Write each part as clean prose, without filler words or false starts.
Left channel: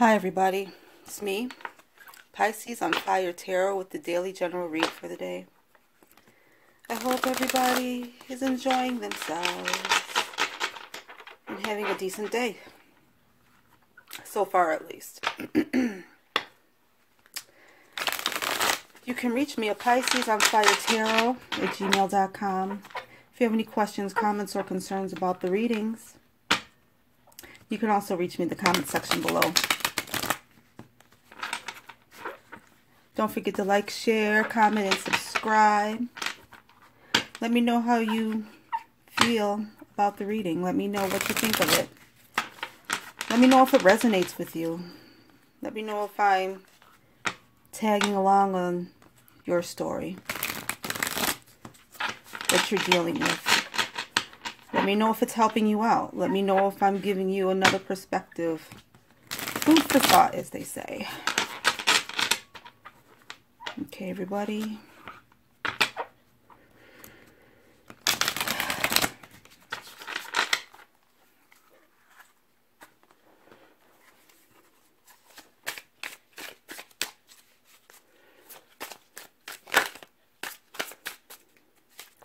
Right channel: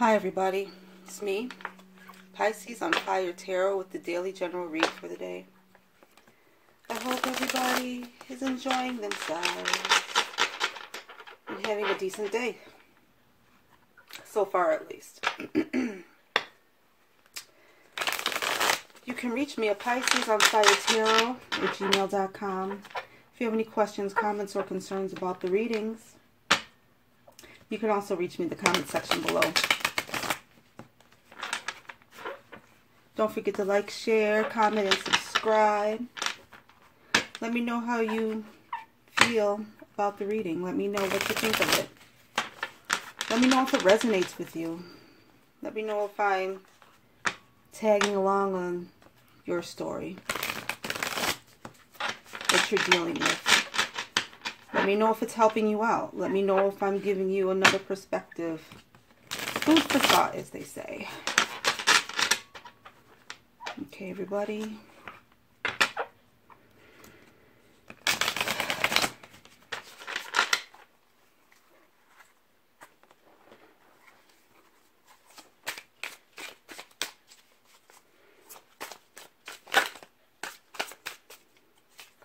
Hi everybody, it's me, Pisces on Fire Tarot with the daily general read for the day. I hope everybody is enjoying themselves and having a decent day. So far at least. You can reach me at PiscesOnFireTarot@gmail.com. If you have any questions, comments, or concerns about the readings, you can also reach me in the comment section below. Don't forget to like, share, comment, and subscribe. Let me know how you feel about the reading. Let me know what you think of it. Let me know if it resonates with you. Let me know if I'm tagging along on your story, what you're dealing with. Let me know if it's helping you out. Let me know if I'm giving you another perspective. Food for thought, as they say. Okay, everybody.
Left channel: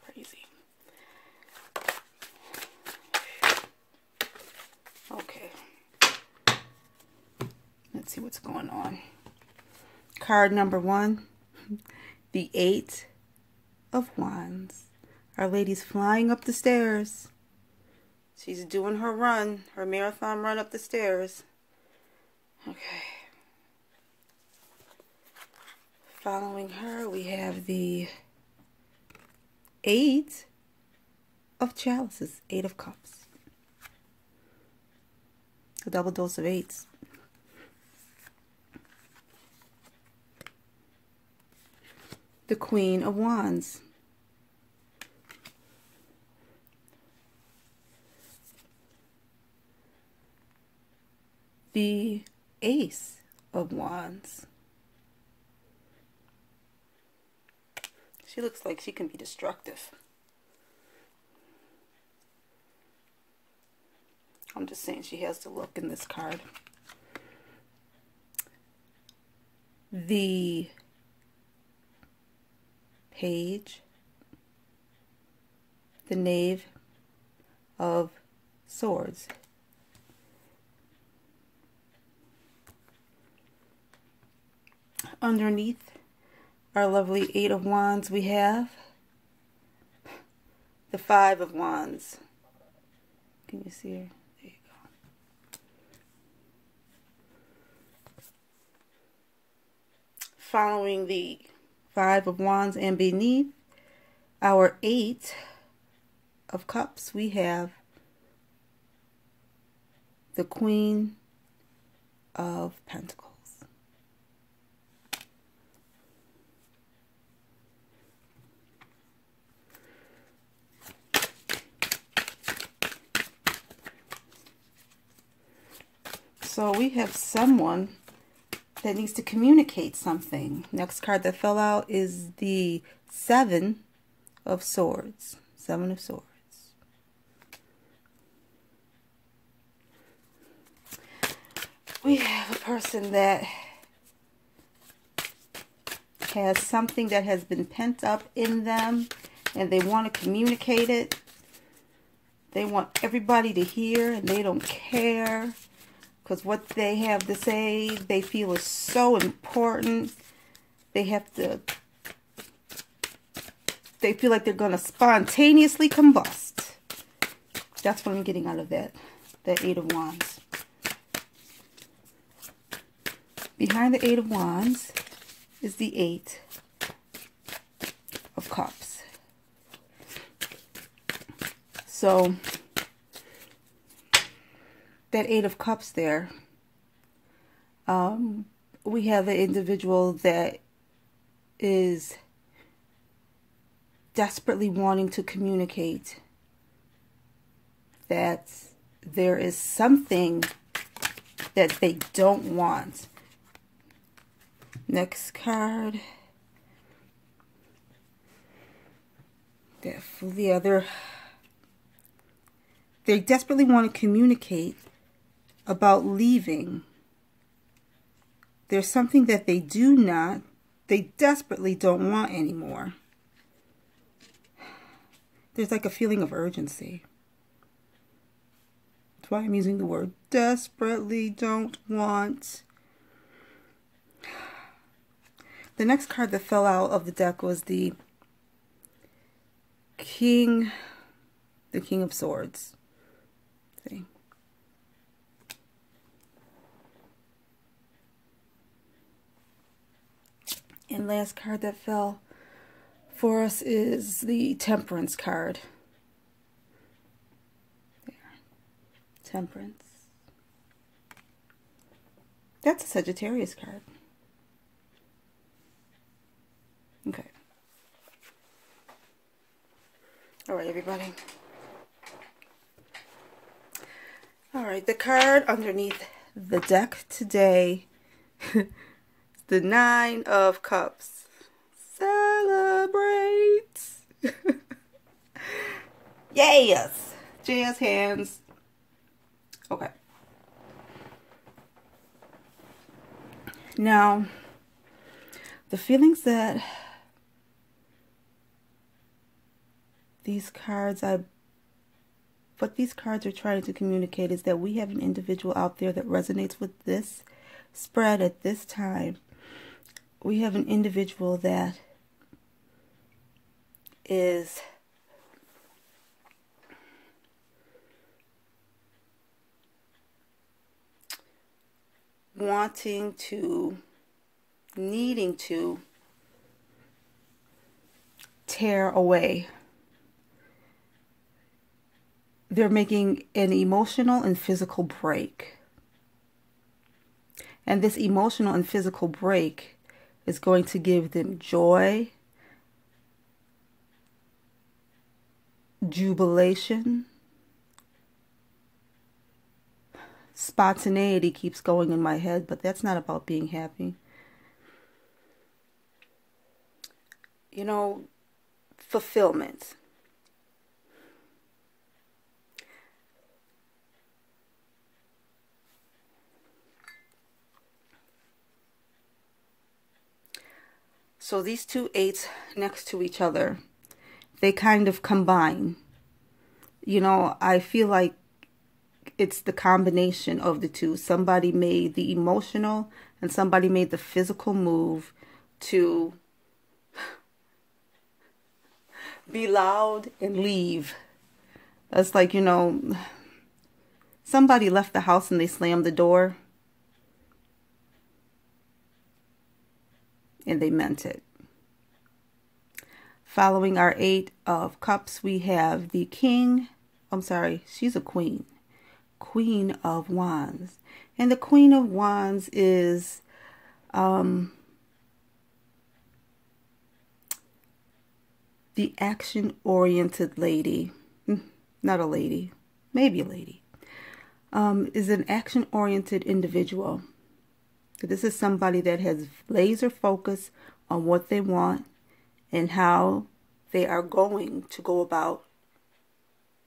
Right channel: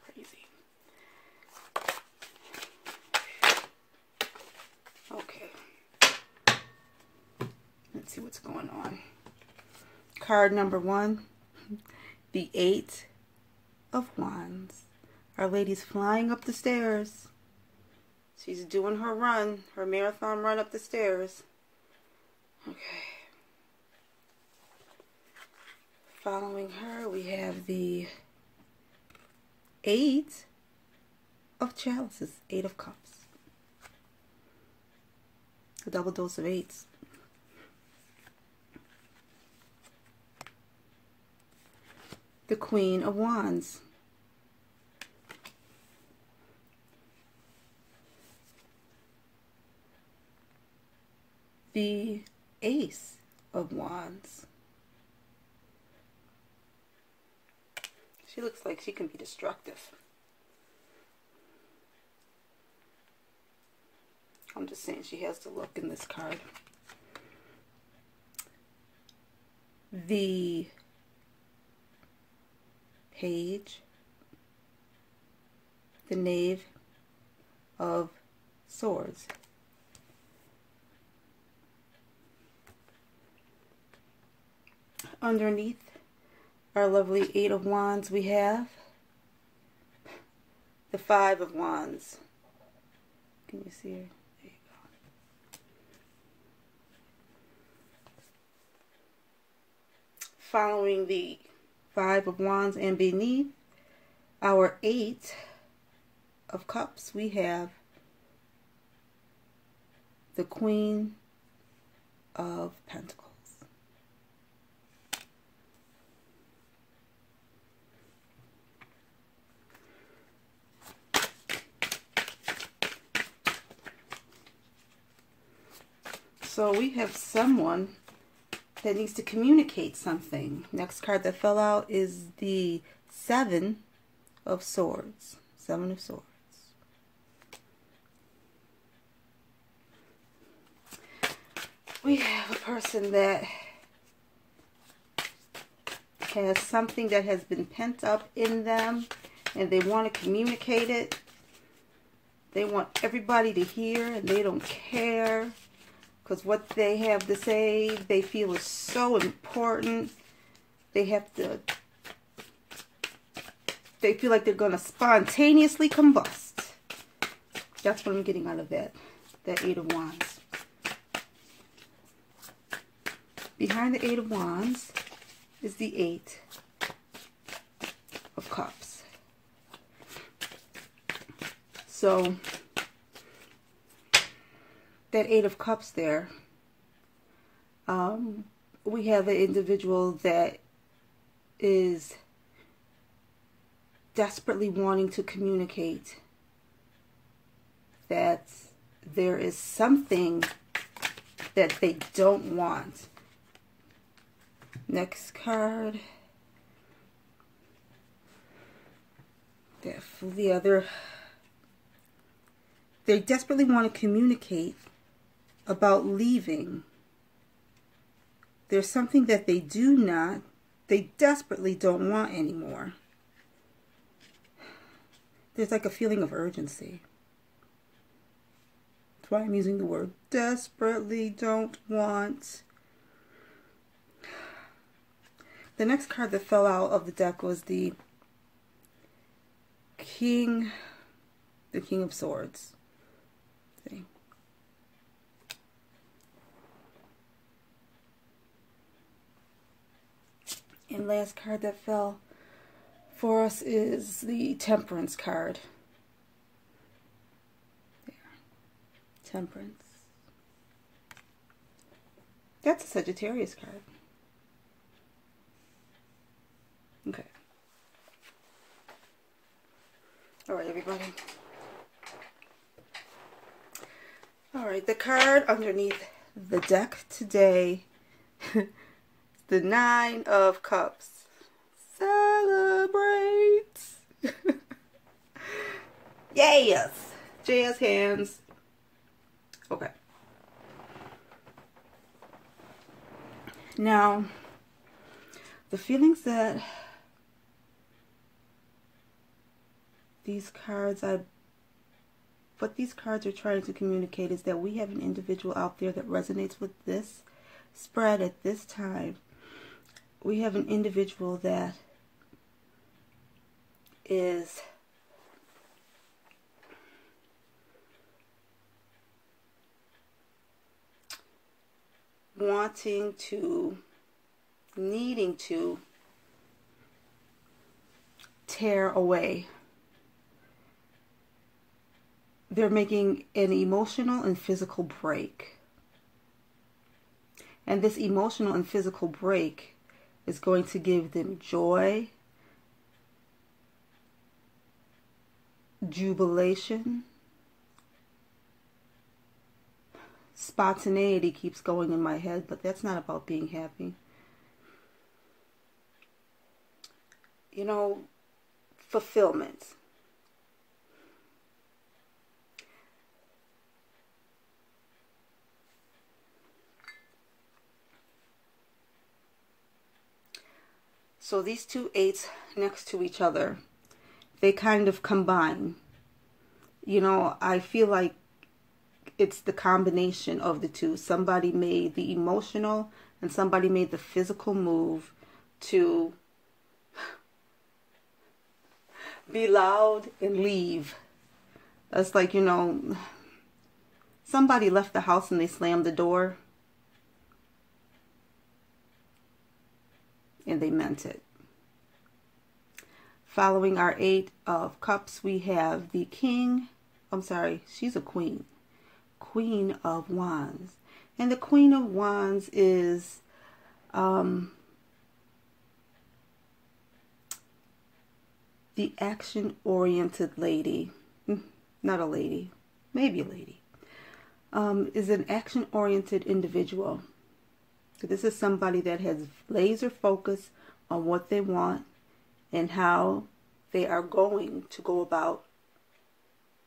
Crazy. Okay. Let's see what's going on. Card number 1. The 8 of Wands. Our lady's flying up the stairs. She's doing her run, her marathon run up the stairs. Okay. Following her, we have the 8 of Chalices, 8 of Cups. A double dose of 8s. The Queen of Wands. The Ace of Wands. She looks like she can be destructive. I'm just saying she has the look in this card. The Page, the Knave of Swords. Underneath our lovely 8 of Wands, we have the 5 of Wands. Can you see her? There you go. Following the 5 of Wands and beneath our 8 of Cups, we have the Queen of Pentacles. So we have someone that needs to communicate something. Next card that fell out is the 7 of Swords. 7 of Swords. We have a person that has something that has been pent up in them and they want to communicate it. They want everybody to hear and they don't care. Because what they have to say, they feel is so important. They feel like they're going to spontaneously combust. That's what I'm getting out of that 8 of Wands. Behind the 8 of Wands is the 8 of Cups. So that 8 of Cups there, we have an individual that is desperately wanting to communicate that there is something that they don't want. Next card. They desperately want to communicate about leaving There's something that they desperately don't want anymore. There's like a feeling of urgency. That's why I'm using the word desperately don't want. The next card that fell out of the deck was the King of Swords. See? And last card that fell for us is the Temperance card. Temperance. That's a Sagittarius card. Okay. All right, everybody. All right, the card underneath the deck today, the Nine of Cups. Celebrate. Yes. Jazz hands. Okay. Now, the feelings that what these cards are trying to communicate is that we have an individual out there that resonates with this spread at this time. We have an individual that is needing to tear away. They're making an emotional and physical break. And this emotional and physical break is going to give them joy, jubilation. Spontaneity keeps going in my head, but that's not about being happy. You know, fulfillment. So these two eights next to each other, they kind of combine. You know, I feel like it's the combination of the two. Somebody made the emotional and somebody made the physical move to be loud and leave. That's like, you know, somebody left the house and they slammed the door. And they meant it. Following our Eight of Cups, we have the she's a queen. Queen of Wands. And the Queen of Wands is the action-oriented lady. Not a lady. Maybe a lady. Is an action-oriented individual. This is somebody that has laser focus on what they want and how they are going to go about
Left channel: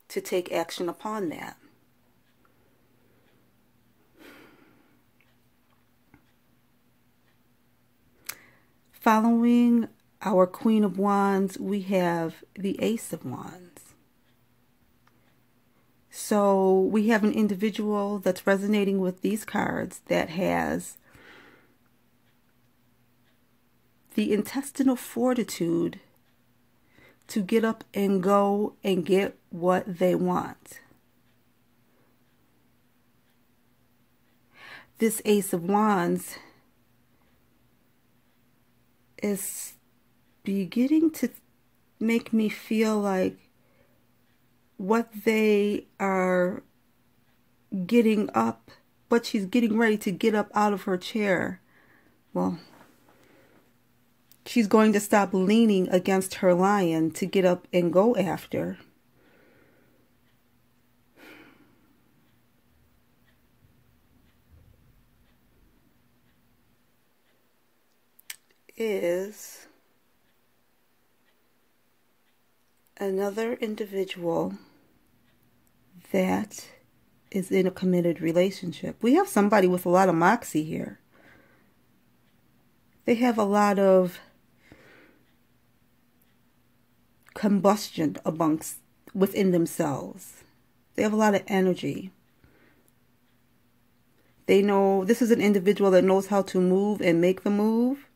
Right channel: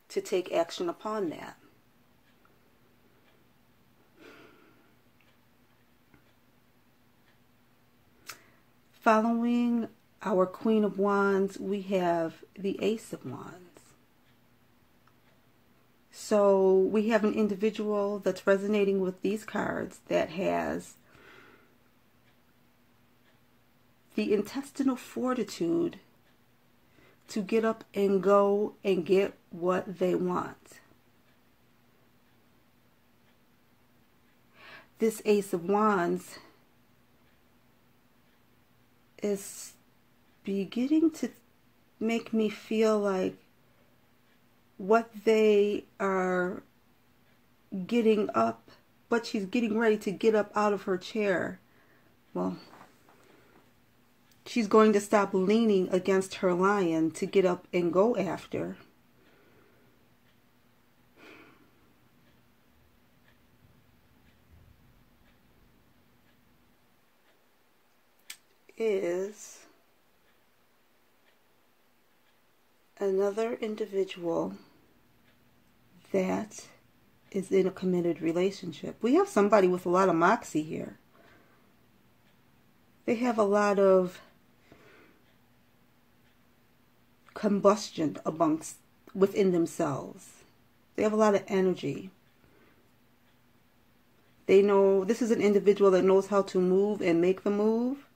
to take action upon that. Following our Queen of Wands, we have the Ace of Wands. So we have an individual that's resonating with these cards that has the intestinal fortitude to get up and go and get what they want. This Ace of Wands is beginning to make me feel like what they are getting up, what she's getting ready to get up out of her chair. Well, she's going to stop leaning against her lion to get up and go after. Is another individual that is in a committed relationship. We have somebody with a lot of moxie here. They have a lot of combustion within themselves. They have a lot of energy. They know this is an individual that knows how to move and make the move.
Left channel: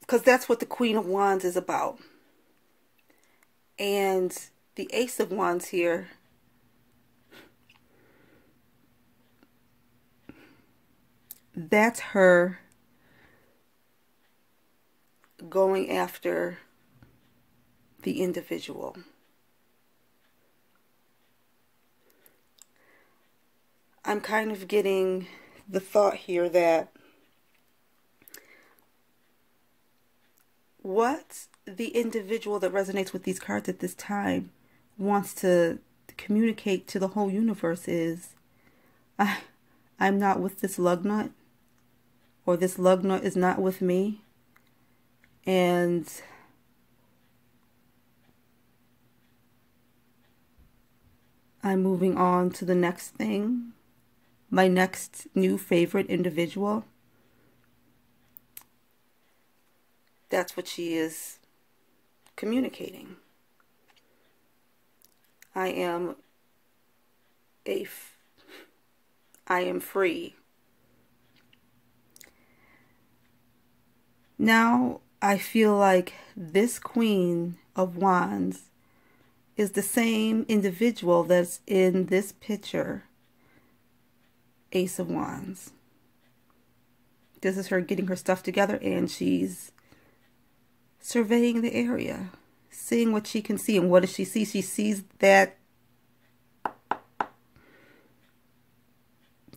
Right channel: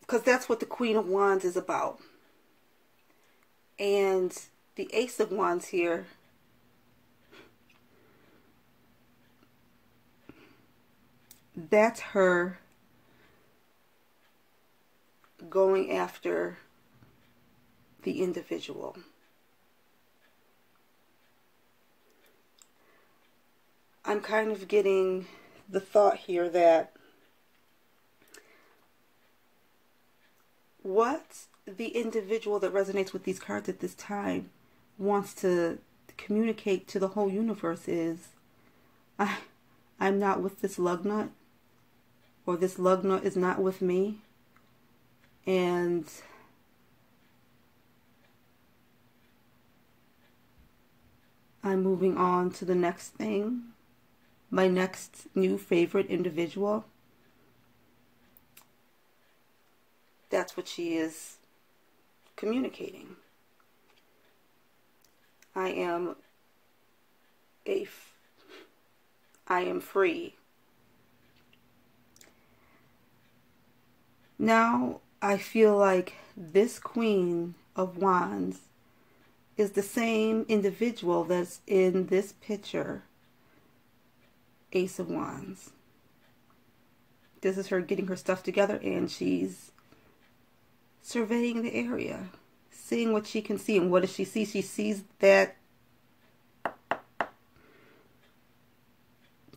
Because that's what the Queen of Wands is about. And the Ace of Wands here, that's her going after the individual. I'm kind of getting the thought here that what the individual that resonates with these cards at this time wants to communicate to the whole universe is, I'm not with this lug nut, or this lug nut is not with me, and I'm moving on to the next thing, my next new favorite individual. That's what she is communicating. I am free. Now I feel like this Queen of Wands is the same individual that's in this picture, Ace of Wands. This is her getting her stuff together, and she's surveying the area, seeing what she can see. And what does she see? She sees that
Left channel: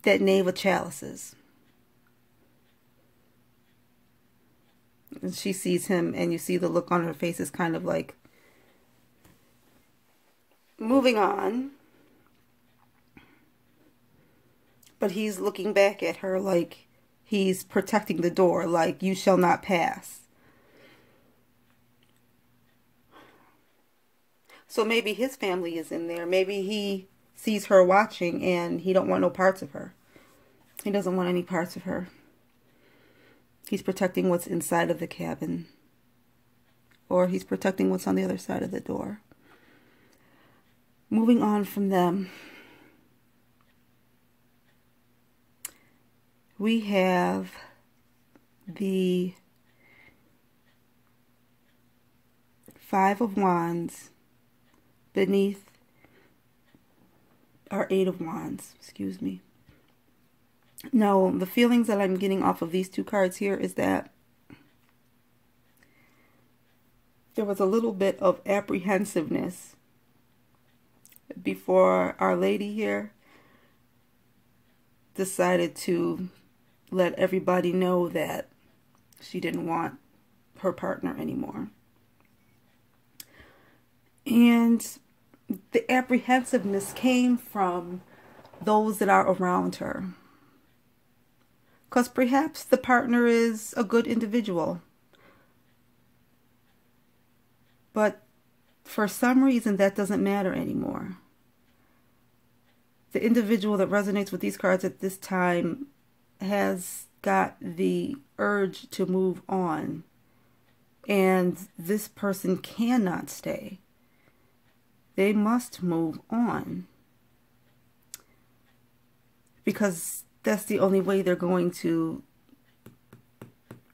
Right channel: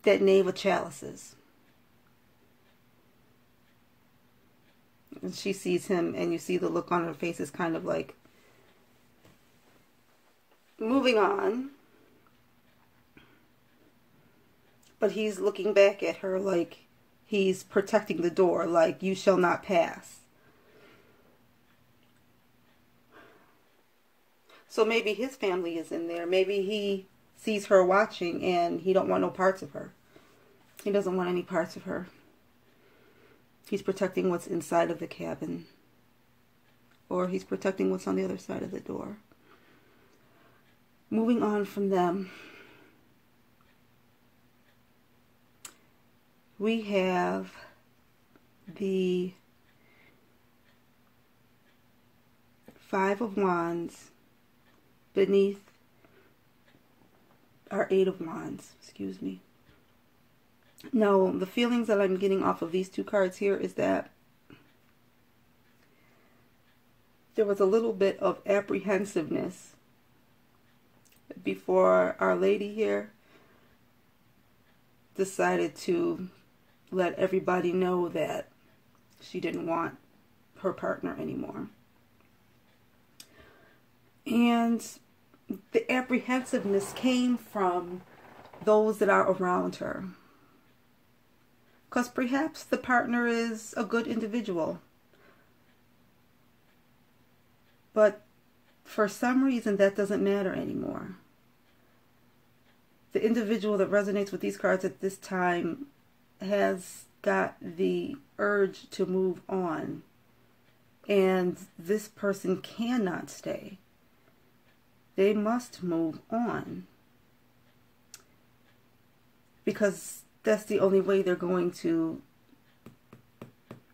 Knave of Chalices. And she sees him, and you see the look on her face is kind of like moving on. But he's looking back at her like he's protecting the door, like you shall not pass. So maybe his family is in there. Maybe he sees her watching and he don't want no parts of her. He doesn't want any parts of her. He's protecting what's inside of the cabin. Or he's protecting what's on the other side of the door. Moving on from them, we have the Five of Wands beneath our Eight of Wands, excuse me. Now, the feelings that I'm getting off of these two cards here is that there was a little bit of apprehensiveness before Our Lady here decided to let everybody know that she didn't want her partner anymore. And the apprehensiveness came from those that are around her. Because perhaps the partner is a good individual. But for some reason that doesn't matter anymore. The individual that resonates with these cards at this time has got the urge to move on. And this person cannot stay. They must move on. Because that's the only way they're going to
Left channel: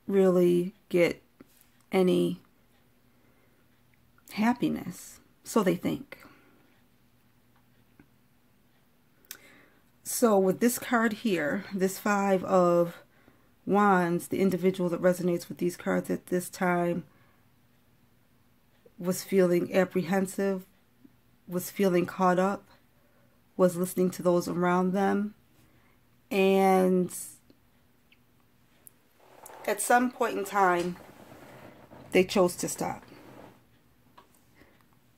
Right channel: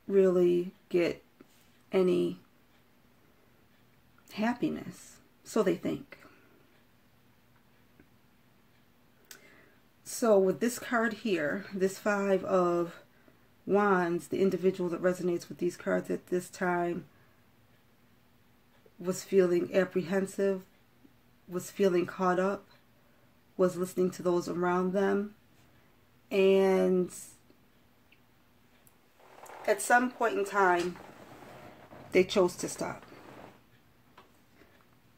really get any happiness. So they think. So with this card here, this Five of Wands, the individual that resonates with these cards at this time was feeling apprehensive, was feeling caught up, was listening to those around them, and at some point in time, they chose to stop.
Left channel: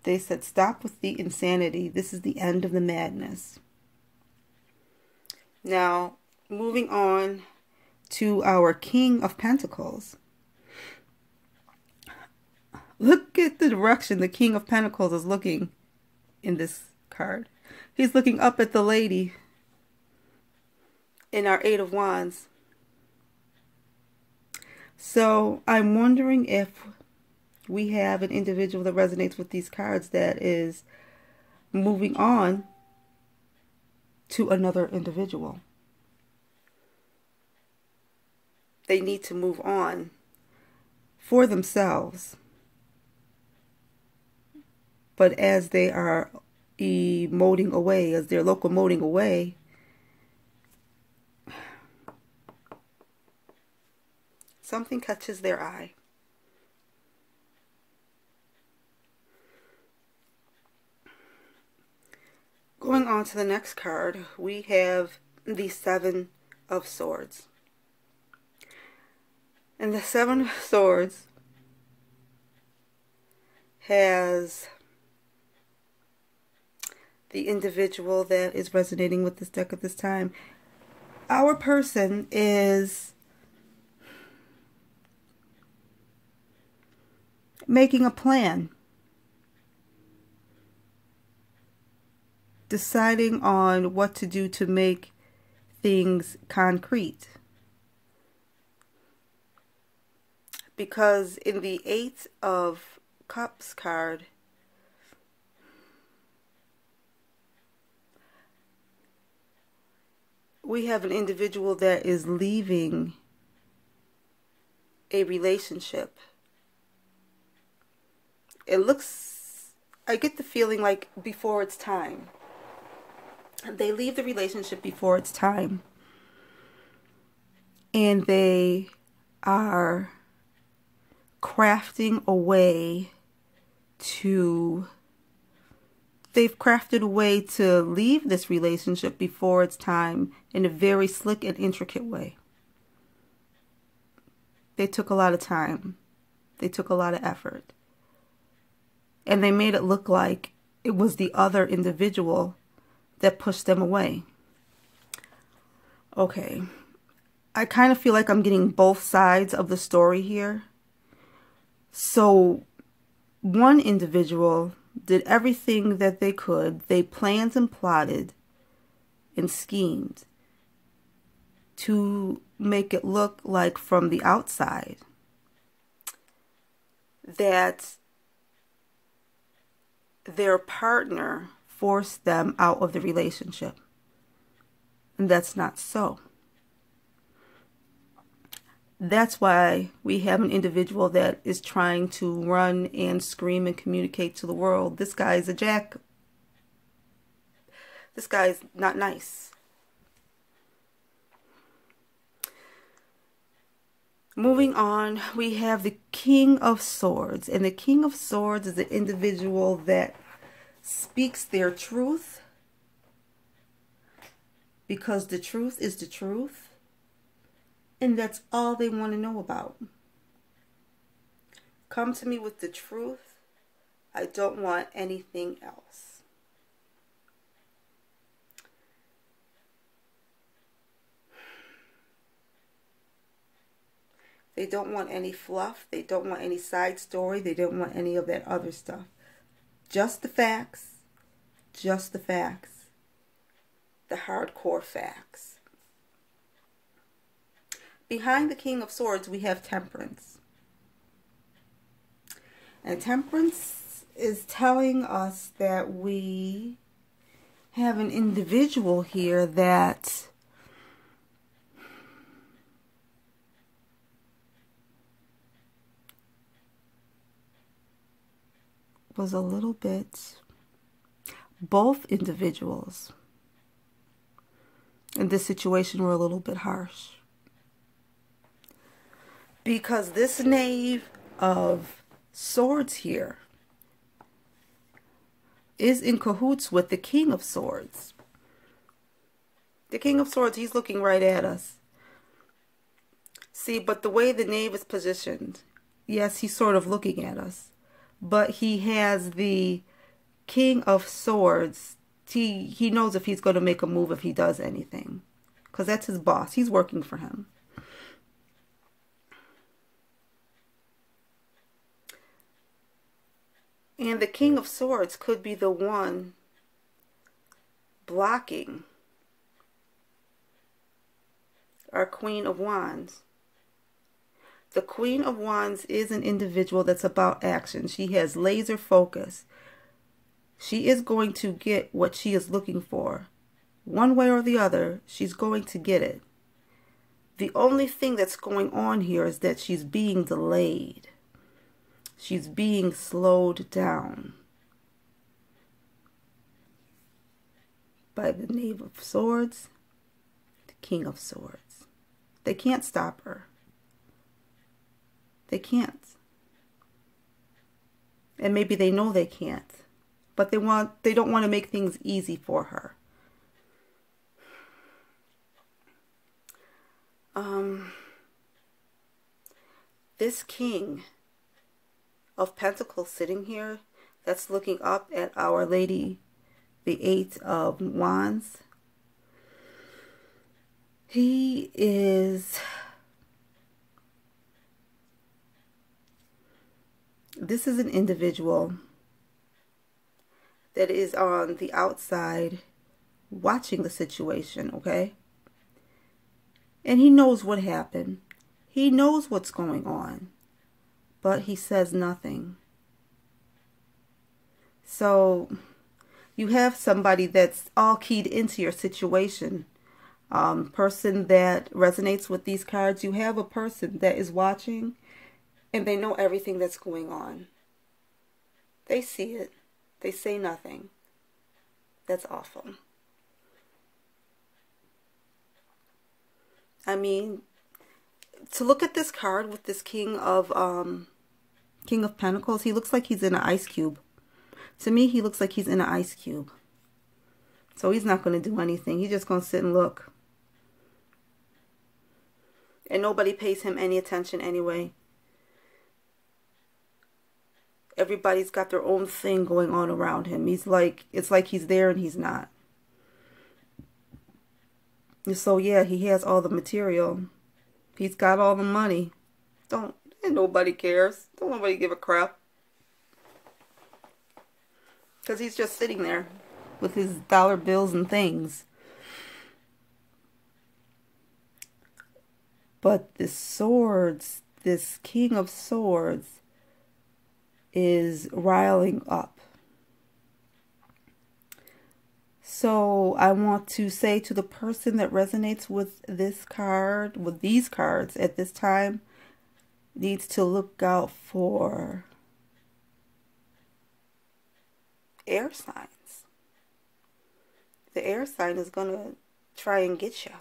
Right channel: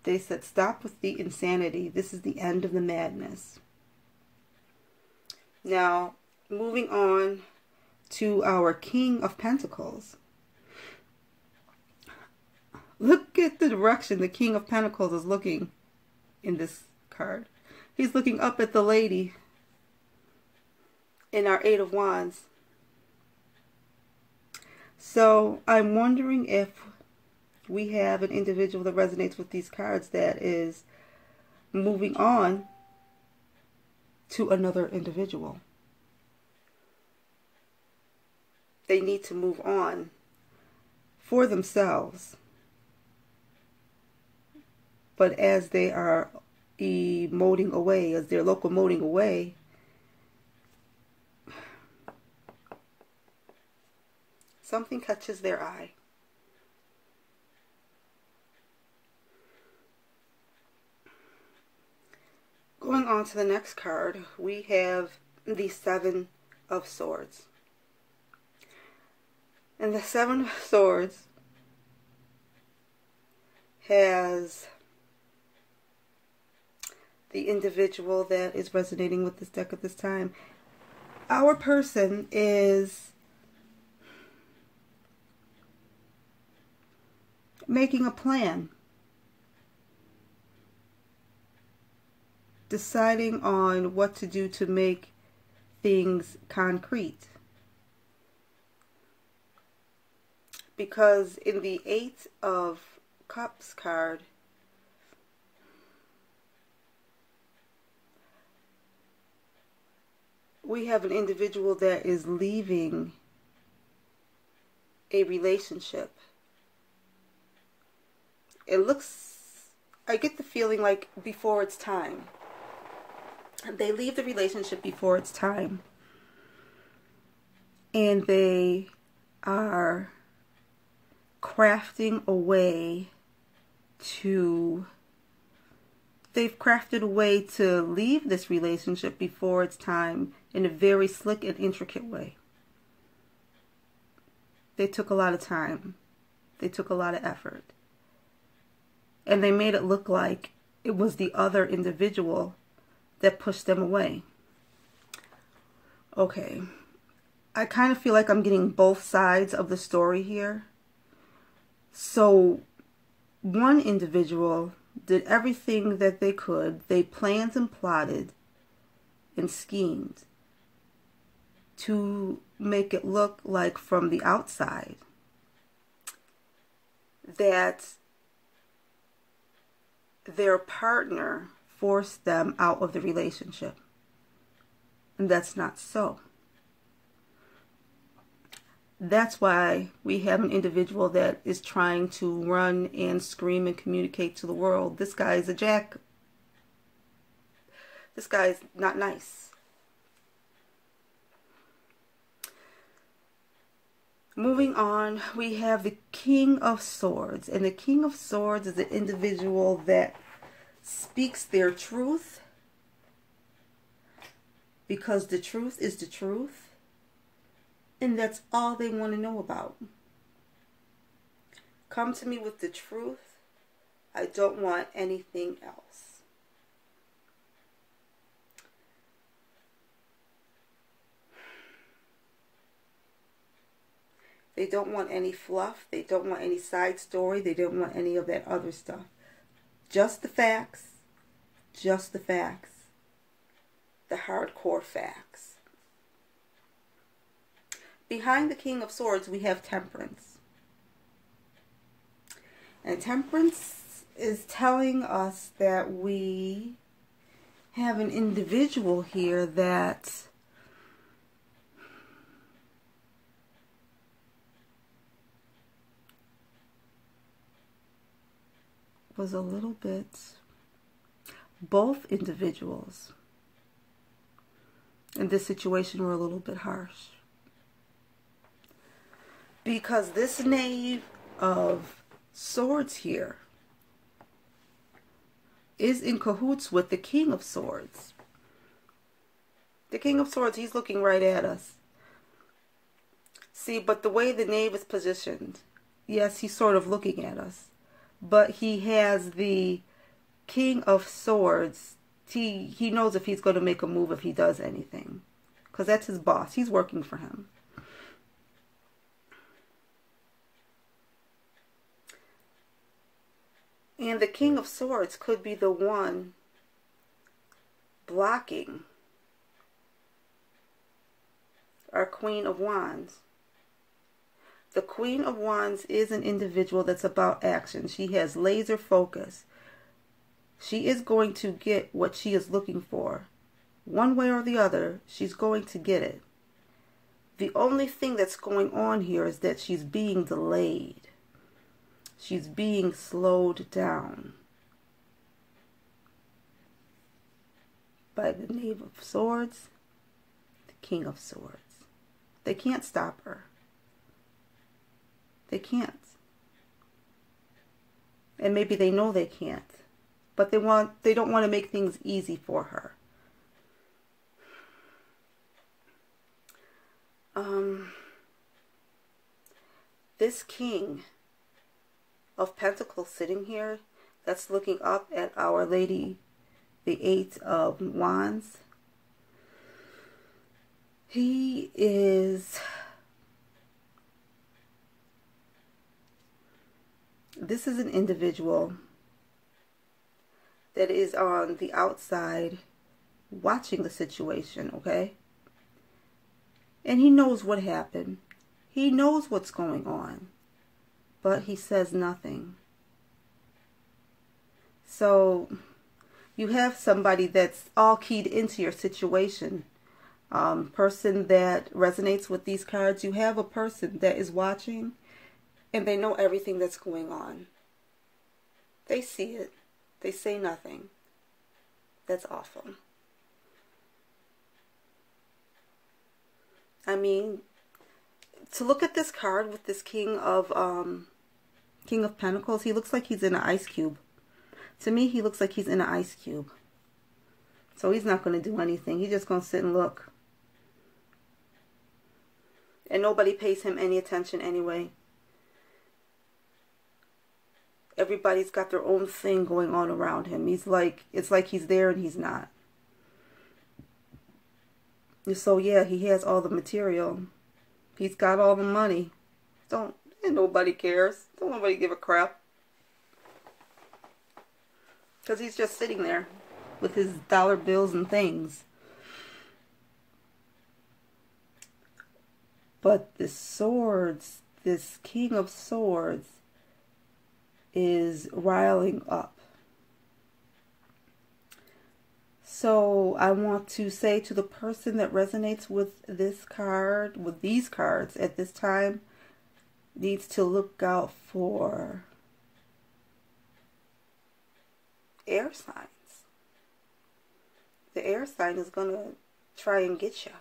They said, stop with the insanity. This is the end of the madness. Now, moving on to our King of Pentacles. Look at the direction the King of Pentacles is looking in this card. He's looking up at the lady. in our Eight of Wands. So I'm wondering if we have an individual that resonates with these cards that is moving on to another individual. They need to move on for themselves. But as they are emoting away, as they're locomoting away, something catches their eye. Going on to the next card, we have the Seven of Swords. And the Seven of Swords has the individual that is resonating with this deck at this time. Our person is making a plan, deciding on what to do to make things concrete. Because in the Eight of Cups card, we have an individual that is leaving a relationship. It looks, I get the feeling like before it's time. They leave the relationship before it's time. And they are crafting a way to, they've crafted a way to leave this relationship before it's time in a very slick and intricate way. They took a lot of time. They took a lot of effort. And they made it look like it was the other individual that pushed them away. Okay. I kind of feel like I'm getting both sides of the story here. So, one individual did everything that they could. They planned and plotted and schemed to make it look like from the outside that their partner forced them out of the relationship. And that's not so. That's why we have an individual that is trying to run and scream and communicate to the world. This guy is a jack. This guy is not nice. Moving on, we have the King of Swords. And the King of Swords is the individual that speaks their truth, because the truth is the truth. And that's all they want to know about. Come to me with the truth. I don't want anything else. They don't want any fluff. They don't want any side story. They don't want any of that other stuff. Just the facts. Just the facts. The hardcore facts. Behind the King of Swords, we have Temperance. And Temperance is telling us that we have an individual here that was a little bit, both individuals in this situation were a little bit harsh. Because this Knave of Swords here is in cahoots with the King of Swords. The King of Swords, he's looking right at us. See, but the way the Knave is positioned, yes, he's sort of looking at us. But he has the King of Swords. He knows if he's going to make a move, if he does anything. Because that's his boss. He's working for him. And the King of Swords could be the one blocking our Queen of Wands. The Queen of Wands is an individual that's about action. She has laser focus. She is going to get what she is looking for. One way or the other, she's going to get it. The only thing that's going on here is that she's being delayed. She's being slowed down by the Knave of Swords, the King of Swords. They can't stop her. They can't. And maybe they know they can't. But they don't want to make things easy for her. This King of Pentacles sitting here, that's looking up at Our Lady, the Eight of Wands. He is... This is an individual that is on the outside watching the situation, okay? And he knows what happened. He knows what's going on, but he says nothing. So you have somebody that's all keyed into your situation. Person that resonates with these cards, you have a person that is watching and they know everything that's going on. They see it. They say nothing. That's awful. I mean, to look at this card with this King of Pentacles, he looks like he's in an ice cube. To me, he looks like he's in an ice cube. So he's not going to do anything. He's just going to sit and look. And nobody pays him any attention anyway. Everybody's got their own thing going on around him. It's like he's there and he's not. And so yeah, he has all the material. He's got all the money. And nobody cares. Don't nobody give a crap. Because he's just sitting there with his dollar bills and things. But the swords, this King of Swords, is riling up. So I want to say to the person that resonates with this card, with these cards at this time, needs to look out for air signs. The air sign is going to try and get you.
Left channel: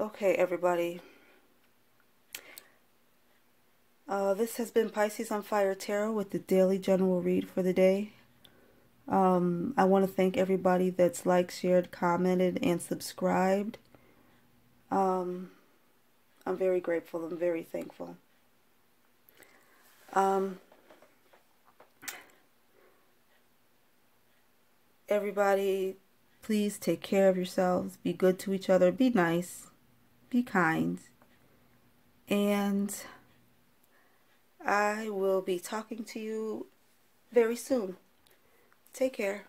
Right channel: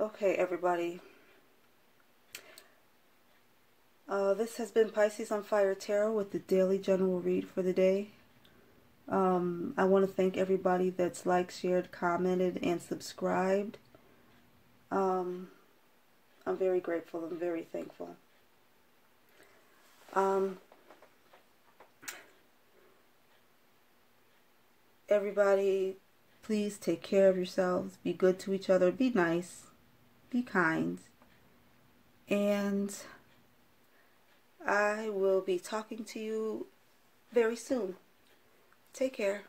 Okay, everybody. This has been Pisces on Fire Tarot with the daily general read for the day. I want to thank everybody that's liked, shared, commented, and subscribed. I'm very grateful. I'm very thankful. Everybody, please take care of yourselves. Be good to each other. Be nice. Be kind. And I will be talking to you very soon. Take care.